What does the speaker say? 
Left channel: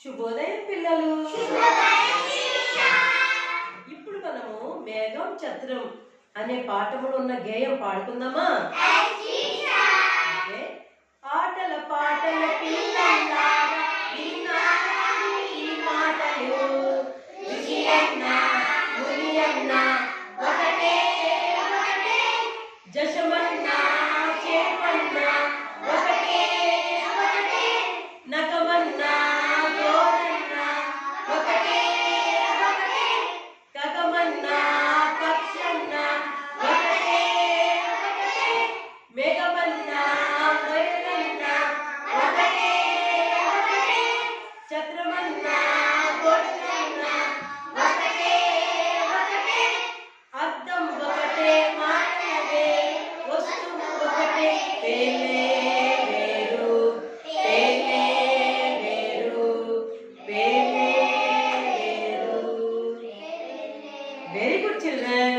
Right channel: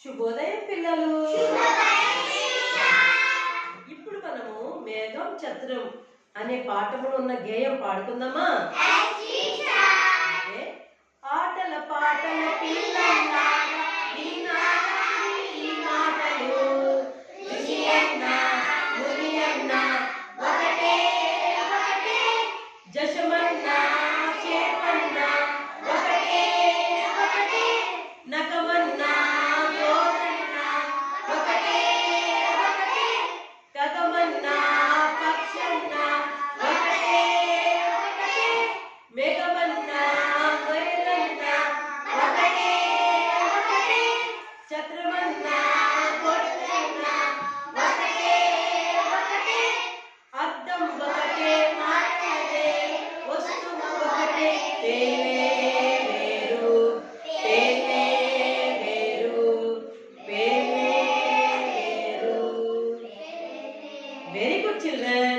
శుభోదయం పిల్లలు. ఇప్పుడు మనము మేఘం చతురం అనే పాఠములో ఉన్న గేయం పాడుకుందామా? ఆటల పాటల పిల్లల్లారా విన్నారా ఈ మాటలు, విషయన్న మురియన్న ఒకటే ఒకటే, జశమన్న చేపన్న ఒకటే ఒకటే, నకమన్న గోరన్న ఒకటే ఒకటే, కగమన్న పక్షన్న ఒకటే ఒకటే, మేఘమన్న మొయలన్న ఒకటే ఒకటే, చత్రమన్న గొడ్డన్న ఒకటే ఒకటే, అర్థం ఒకటే మాటలే వస్తువు ఒకటే, తేలే వేరు తేలే వేరు పేలే వేరు. Very good children.